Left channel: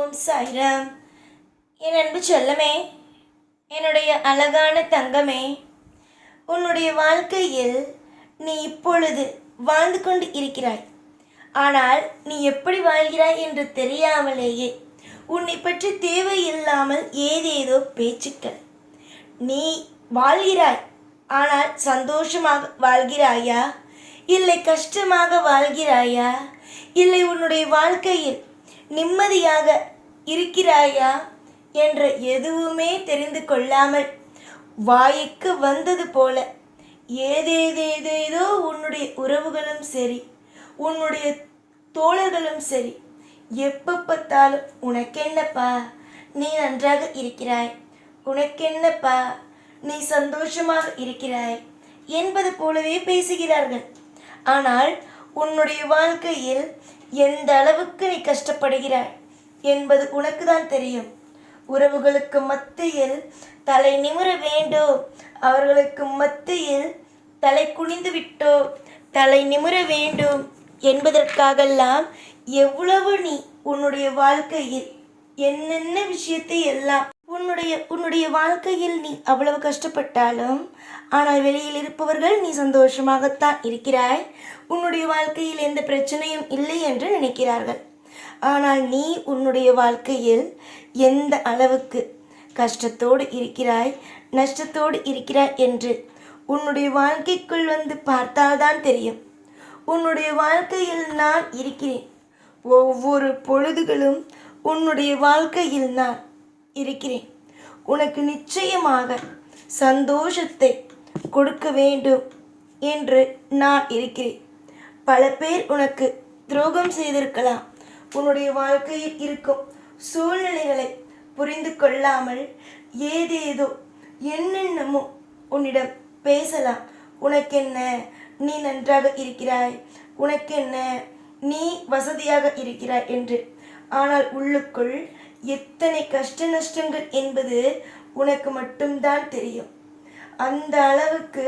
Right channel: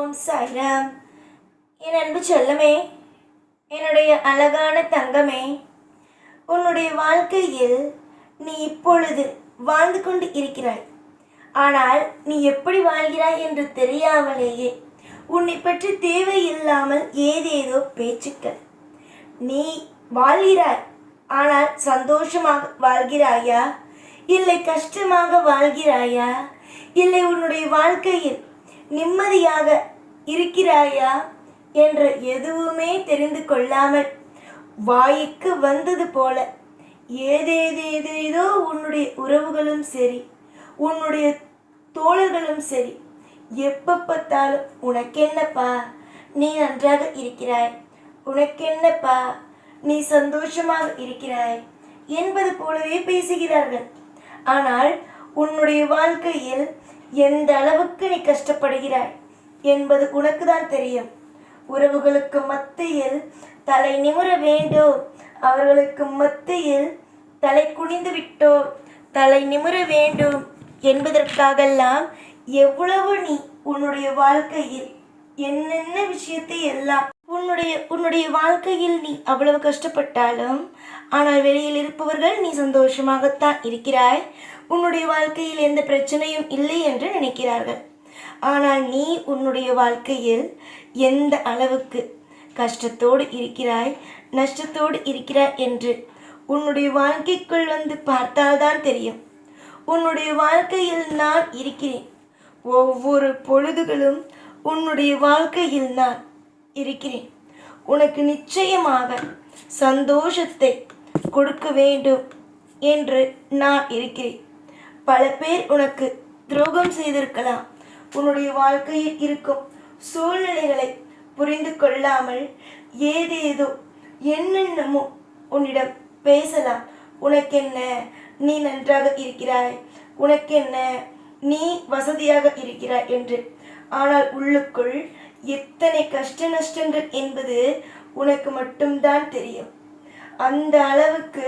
ஓம் சாய்ராம். என் அன்பு செல்லமே, என்னுடைய அழகான தங்கமே, உன்னுடைய வாழ்க்கையில் நீ இப்பொழுது வாழ்ந்து கொண்டு இருக்கிறாய். ஆனால் நீ எப்படி வாழ்கிறாய் என்று தெரியாமலேயே உன்னை பற்றி தேவையில்லாமல் ஏதேதோ பேச்சுக்கள். நீ வாழ்கிறாய், ஆனால் சந்தோஷமாக வாழ்கிறாயா, இல்லை கஷ்டமாக வாழ்கிறாயா, இல்லை உன்னுடைய வாழ்க்கையில் நிம்மதியாக இருக்கிறாயா என்ற எதுவுமே தெரிந்து கொள்ளாமல் வாய்க்கு வந்தது போல ஏதேதேதேதோ உன்னுடைய உறவுகளும் சரி, உன்னுடைய தோழர்களும் சரி, எப்ப பார்த்தாலும் உனக்கென்னப்பா நீ நன்றாக இருக்கிறாய், உனக்கென்னப்பா நீ சந்தோஷமாக இருக்கிறாய் என்பது போலவே பேசுகிறார்கள். ஆனால் உன்னுடைய வாழ்க்கையில் எந்த அளவுக்கு நீ கஷ்டப்படுகிறாய் என்பது உனக்கு தான் தெரியும். உறவுகளுக்கு மத்தியில் தலை நிமிர வேண்டும், அவர்களுக்கு மத்தியில் தலை குனிந்து விட்டோ தலை நிமிர வேண்டும் என்பதற்காகலாம் எவ்வளவு நீ உன்னுடைய வாழ்க்கையில் என்னென்ன விஷயத்தை எல்லாம் உன்னுடைய வாழ்க்கையில் நீ அவ்வளவு கஷ்டப்பட்டாலும், ஆனால் வெளியில் இருப்பவர்கள் நீ சந்தோஷமாகத்தான் இருக்கிறாய், உன்னுடைய வாழ்க்கையில் எந்த பிரச்சனையும் இல்லை என்று நினைக்கிறார்கள். ஆனால் நீ உன்னுடைய வாழ்க்கையில் எந்த அளவுக்கு கஷ்டத்தோடு இருக்கிறாய், நஷ்டத்தோடு இருக்கிறாய் என்று உன்னுடைய வாழ்க்கைக்குள் வந்து பார்த்தால்தான் தெரியும். உன்னுடைய வாழ்க்கையில் நான் இருக்கிறேன், ஒவ்வொரு பொழுதுகளும் உன்னுடைய வாழ்க்கையில் நான் இருக்கிறேன். உனக்கு நிச்சயமாக சந்தோஷத்தை கொடுக்க வேண்டும் என்று நான் இருக்கிறேன். பல பேர் உனக்கு துரோகம் செய்திருக்கலாம். உன்னுடைய வாழ்க்கையில் இருக்கும் சூழ்நிலைகளை புரிந்து கொள்ளாமல் ஏதேதோ என்னென்னமோ உன்னிடம் பேசலாம். உனக்கென்ன, நீ நன்றாக இருக்கிறாய், உனக்கென்ன, நீ வசதியாக இருக்கிறாய் என்று. ஆனால் உள்ளுக்குள் எத்தனை கஷ்ட நஷ்டங்கள் என்பது உனக்கு மட்டும்தான் தெரியும். அந்த அளவுக்கு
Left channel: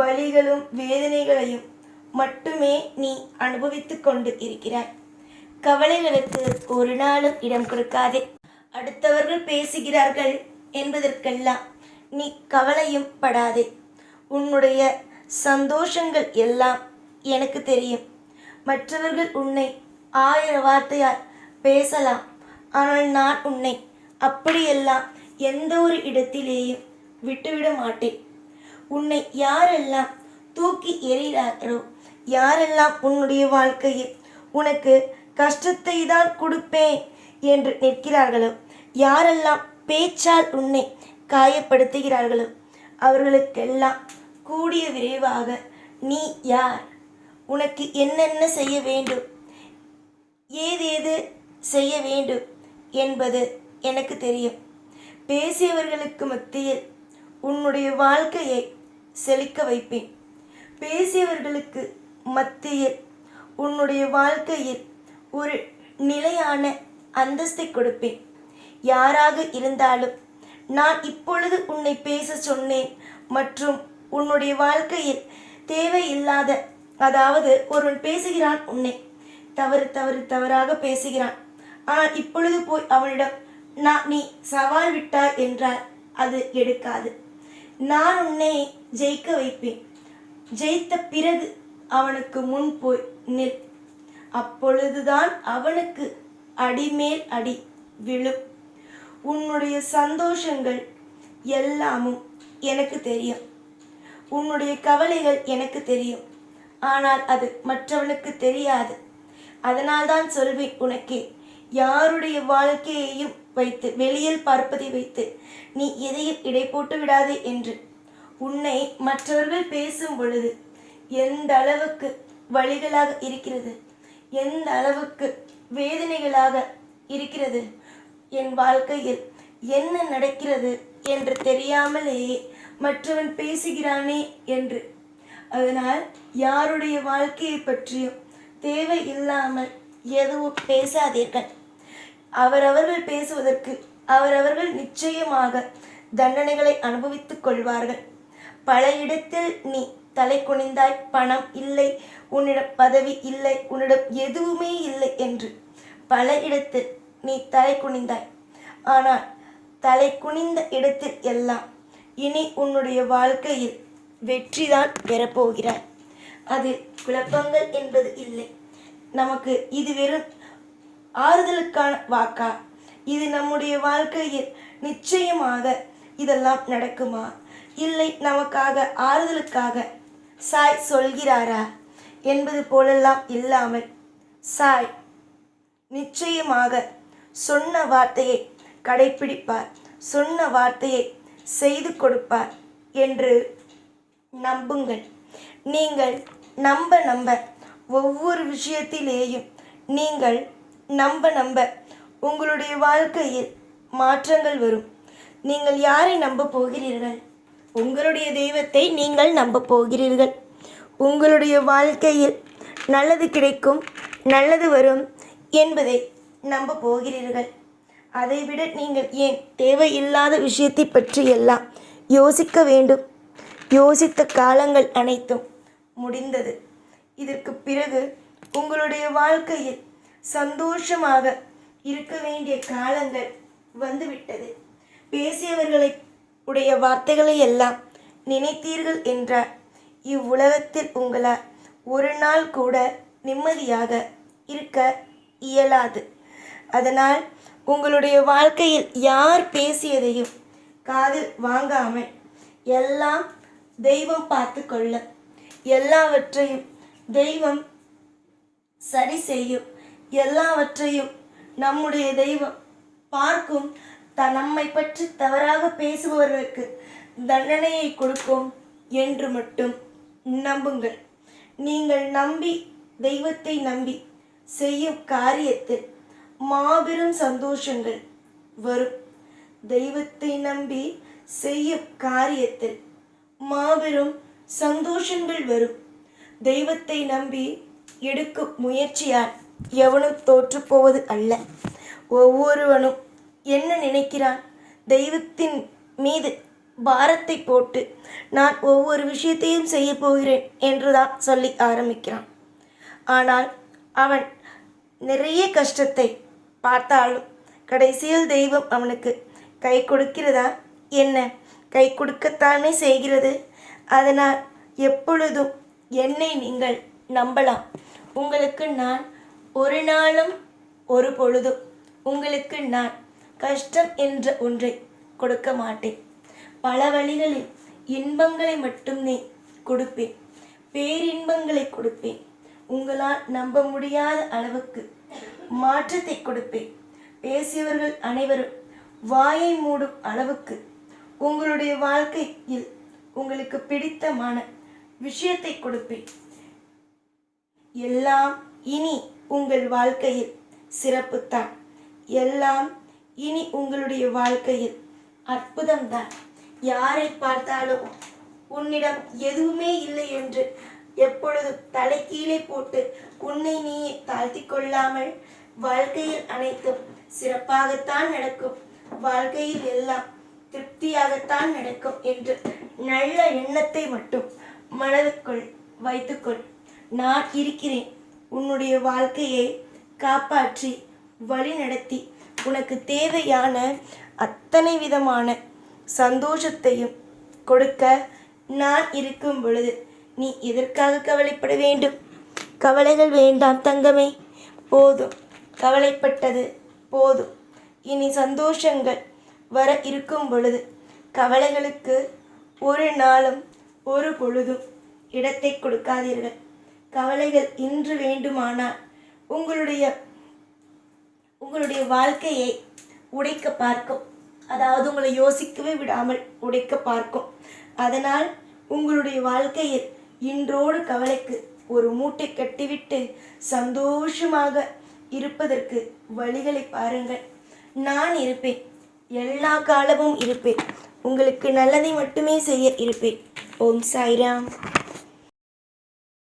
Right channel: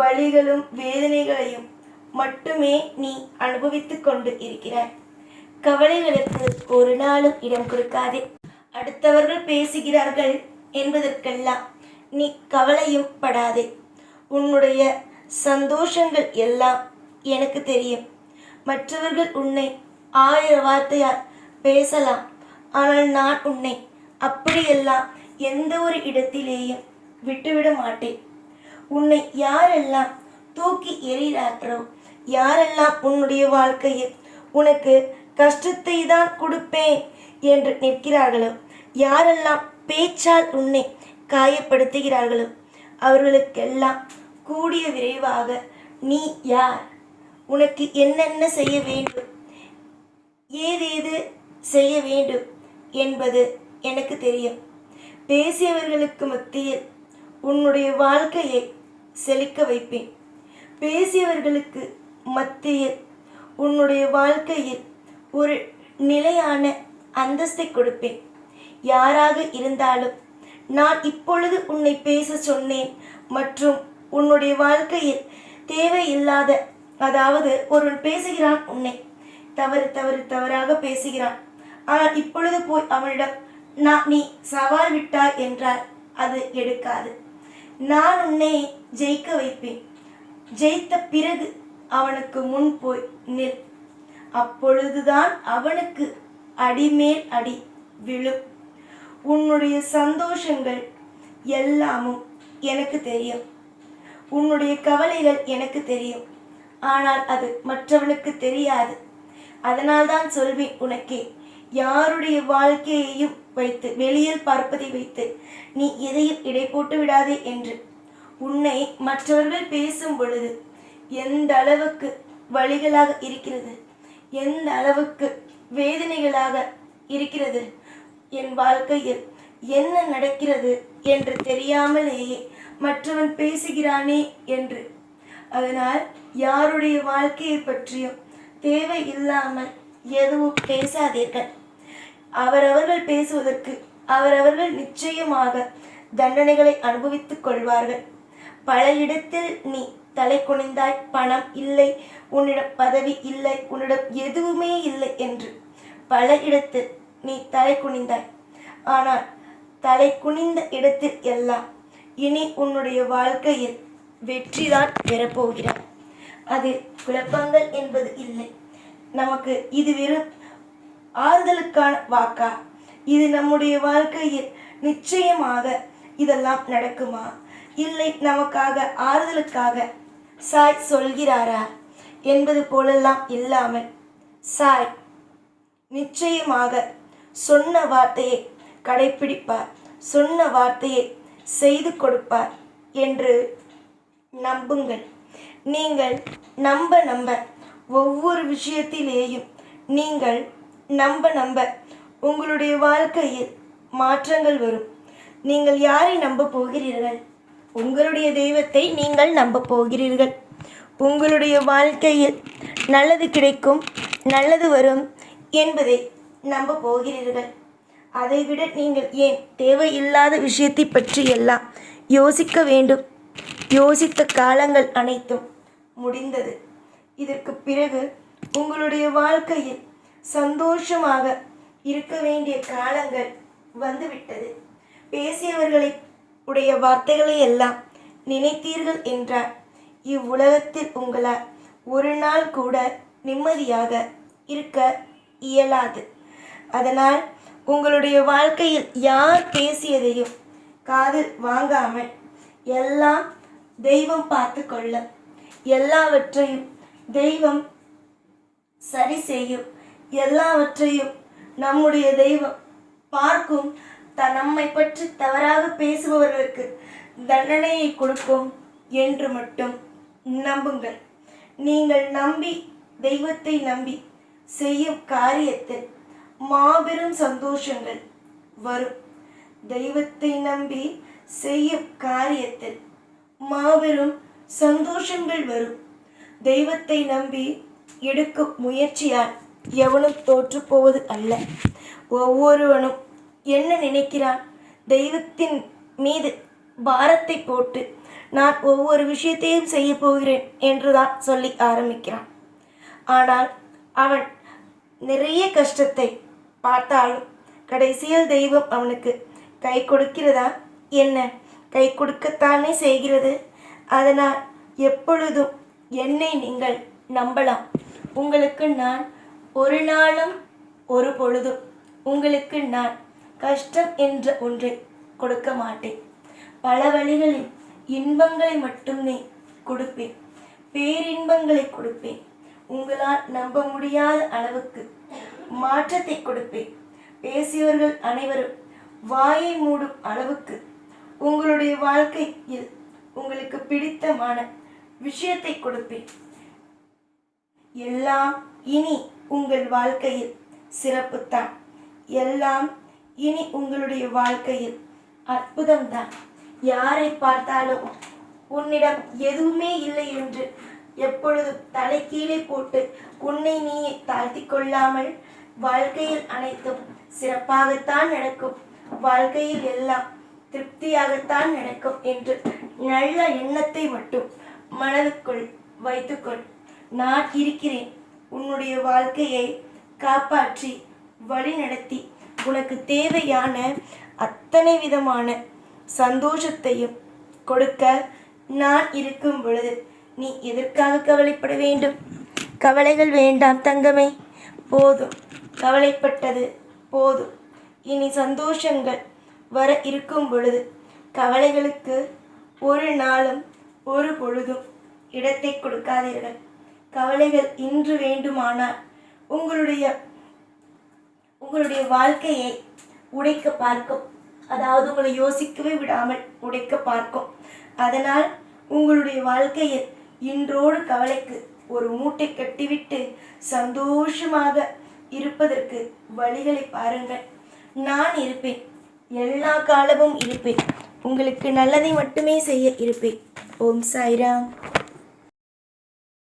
வலிகளும் வேதனைகளையும் மட்டுமே நீ அனுபவித்து கொண்டு இருக்கிறாய். கவலைகளுக்கு ஒரு நாளும் இடம் கொடுக்காதே. அடுத்தவர்கள் பேசுகிறார்கள் என்பதற்கெல்லாம் நீ கவலையும் படாதே. உன்னுடைய சந்தோஷங்கள் எல்லாம் எனக்கு தெரியும். மற்றவர்கள் உன்னை 1000 வார்த்தையால் பேசலாம், ஆனால் நான் உன்னை அப்படியெல்லாம் எந்த ஒரு இடத்திலேயும் விட்டுவிட மாட்டேன். உன்னை யாரெல்லாம் தூக்கி எறிகிறார்களோ, யாரெல்லாம் உன்னுடைய வாழ்க்கையில் உனக்கு கஷ்டத்தை தான் கொடுப்பேன் என்று நிற்கிறார்களோ, யாரெல்லாம் பேச்சால் உன்னை காயப்படுத்துகிறார்களோ, அவர்களுக்கெல்லாம் கூடிய விரைவாக நீ யார், உனக்கு என்னென்ன செய்ய வேண்டும், ஏதேது செய்ய வேண்டும் என்பது எனக்கு தெரியும். பேசியவர்களுக்கு மத்தியில் உன்னுடைய வாழ்க்கையை செழிக்க வைப்பேன். பேசியவர்களுக்கு மத்தியில் உன்னுடைய வாழ்க்கையில் ஒரு நிலையான அந்தஸ்தை கொடுப்பேன். யாராக இருந்தாலும் நான் இப்பொழுது உன்னை பேச சொன்னேன் மற்றும் உன்னுடைய வாழ்க்கையில் தேவையில்லாத, அதாவது ஒருவன் பேசுகிறான், உன்னை தவறாக பேசுகிறான், ஆனால் இப்பொழுது போய் அவனிடம் நீ சவால் விட்டாய் என்றால் அது எடுக்காது. நான் உன்னை ஜெயிக்க வைப்பேன். ஜெயித்த பிறகு அவனுக்கு முன் போய் நில். அப்பொழுதுதான் அவனுக்கு அடிமேல் அடி விழும். உன்னுடைய சந்தோஷங்கள் எல்லாமும் எனக்கு தெரியும், உன்னுடைய கவலைகள் எனக்கு தெரியும், ஆனால் அது மற்றவனுக்கு தெரியாது. அதனால்தான் சொல்வேன் உனக்கே, யாருடைய வாழ்க்கையையும் வைத்து, வெளியில் பார்ப்பதை வைத்து நீ எதையும் இடை போட்டு விடாதே என்று. உன்னை மற்றவர்கள் பேசும் பொழுது எந்த அளவுக்கு வழிகளாக இருக்கிறது, எந்த அளவுக்கு வேதனைகளாக இருக்கிறது, என் வாழ்க்கையில் என்ன நடக்கிறது என்று தெரியாமலேயே மற்றவன் பேசுகிறானே என்று. அதனால் யாருடைய வாழ்க்கையை பற்றியும் தேவை இல்லாமல் எதுவும் பேசாதீர்கள். அவரவர்கள் பேசுவதற்கு அவரவர்கள் நிச்சயமாக தண்டனைகளை அனுபவித்துக் கொள்வார்கள். பல இடத்தில் நீ தலை குனிந்தாய், பணம் இல்லை, உன்னிடம் பதவி இல்லை, உன்னிடம் எதுவுமே இல்லை என்று பல இடத்தில் நீ தலை குனிந்தாய். ஆனால் தலை குனிந்த இடத்தில் எல்லாம் இனி உன்னுடைய வாழ்க்கையில் வெற்றிதான் பெறப்போகிறாய். அதில் குழப்பங்கள் என்பது இல்லை. நமக்கு இது வெறும் ஆறுதலுக்கான வாக்கா? இது நம்முடைய வாழ்க்கையில் நிச்சயமாக இதெல்லாம் நடக்குமா? இல்லை நமக்காக ஆறுதலுக்காக சாய் சொல்கிறாரா என்பது போலெல்லாம் இல்லாமல், சாய் நிச்சயமாக சொன்ன வார்த்தையை கடைப்பிடிப்பார், சொன்ன வார்த்தையை செய்து கொடுப்பார் என்று நம்புங்கள். நீங்கள் நம்ப ஒவ்வொரு விஷயத்திலேயும் நீங்கள் நம்ப உங்களுடைய வாழ்க்கையில் மாற்றங்கள் வரும். நீங்கள் யாரை நம்ப போகிறீர்கள்? உங்களுடைய தெய்வத்தை நீங்கள் நம்ப போகிறீர்கள். உங்களுடைய வாழ்க்கையில் நல்லது கிடைக்கும், நல்லது வரும் என்பதை நம்ப போகிறீர்கள். அதைவிட நீங்கள் ஏன் தேவையில்லாத விஷயத்தை பற்றி எல்லாம் யோசிக்க வேண்டும்? யோசித்த காலங்கள் அனைத்தும் முடிந்தது. இதற்கு பிறகு உங்களுடைய வாழ்க்கையில் சந்தோஷமாக இருக்க வேண்டிய காலங்கள் வந்துவிட்டது. பேசியவர்களை உடைய வார்த்தைகளை எல்லாம் நினைத்தீர்கள் என்றால் இவ்வுலகத்தில் உங்களால் ஒரு நாள் கூட நிம்மதியாக இருக்க இயலாது. அதனால் உங்களுடைய வாழ்க்கையில் யார் பேசியதையும் காதில் வாங்காமல் எல்லாம் தெய்வம் பார்த்து கொள்ள, எல்லாவற்றையும் தெய்வம் சரி செய்யும், எல்லாவற்றையும் நம்முடைய தெய்வம் பார்க்கும். நம்மை பற்றி தவறாக பேசுபவர்களுக்கு தண்டனையை கொடுக்கும் என்று மட்டும் நம்புங்கள். நீங்கள் நம்பி தெய்வத்தை நம்பி செய்யும் காரியத்தில் மாபெரும் சந்தோஷங்கள் வரும். தெய்வத்தை நம்பி செய்யும் காரியத்தில் மாபெரும் சந்தோஷங்கள் வரும். தெய்வத்தை நம்பி எடுக்கும் முயற்சியால் எவனும் தோற்று போவது அல்ல. ஒவ்வொருவனும் என்ன நினைக்கிறான்? தெய்வத்தின் மீது பாரத்தை போட்டு நான் ஒவ்வொரு விஷயத்தையும் செய்ய போகிறேன் என்றுதான் சொல்லி ஆரம்பிக்கிறான். ஆனால் அவன் நிறைய கஷ்டத்தை பார்த்தாலும் கடைசியில் தெய்வம் அவனுக்கு கை கொடுக்கிறதா? என்ன, கை கொடுக்கத்தானே செய்கிறது. அதனால் எப்பொழுதும் என்னை நீங்கள் நம்பலாம். உங்களுக்கு நான் ஒரு நாளும் ஒரு பொழுதும் உங்களுக்கு நான் கஷ்டம் என்ற ஒன்றை கொடுக்க மாட்டேன். பல வழிகளில் இன்பங்களை மட்டுமே கொடுப்பேன், பேரின்பங்களை கொடுப்பேன். உங்களால் நம்ப முடியாத அளவுக்கு மாற்றத்தை கொடுப்பேன். பேசியவர்கள் அனைவரும் வாயை மூடும் அளவுக்கு உங்களுடைய வாழ்க்கையில் உங்களுக்கு பிடித்தமான விஷயத்தை கொடுப்பேன். எல்லாம் இனி உங்கள் வாழ்க்கையில் சிறப்புத்தான். எல்லாம் இனி உங்களுடைய வாழ்க்கையில் அற்புதம்தான். யாரை பார்த்தாலும் உன்னிடம் எதுவுமே இல்லை என்று எப்பொழுதும் தலை கீழே போட்டு உன்னை நீயே தாழ்த்தி கொள்ளாமல், வாழ்க்கையில் அனைத்தும் சிறப்பாகத்தான் நடக்கும், வாழ்க்கையில் எல்லாம் திருப்தியாகத்தான் நடக்கும் என்று நல்ல எண்ணத்தை மட்டும் மனதுக்குள் வைத்துக்கொள். நான் இருக்கிறேன். உன்னுடைய வாழ்க்கையை காப்பாற்றி வழி நடத்தி உனக்கு தேவையான அத்தனை விதமான சந்தோஷத்தையும் கொடுக்க நான் இருக்கும் பொழுது நீ எதற்காக கவலைப்பட வேண்டும்? கவலைகள் வேண்டாம் தங்கமே, போதும். கவலைப்பட்டது போதும். இனி சந்தோஷங்கள் வர இருக்கும் பொழுது கவலைகளுக்கு ஒரு நாளும் ஒரு பொழுதும் இடத்தை கொடுக்காதீர்கள். கவலைகள் இன்று வேண்டுமானால் உங்களுடைய வாழ்க்கையை உடைக்க பார்க்கும். அதாவது உங்களை யோசிக்கவே விடாமல் உடைக்க பார்க்கும். அதனால் உங்களுடைய வாழ்க்கையில் இன்றோடு கவலைக்கு ஒரு மூட்டை கட்டிவிட்டு சந்தோஷமாக இருப்பதற்கு வழிகளை பாருங்கள். நான் இருப்பேன், எல்லா காலமும் இருப்பேன். உங்களுக்கு நல்லதை மட்டுமே செய்ய இருப்பேன். ஓம் சாய்ராம்.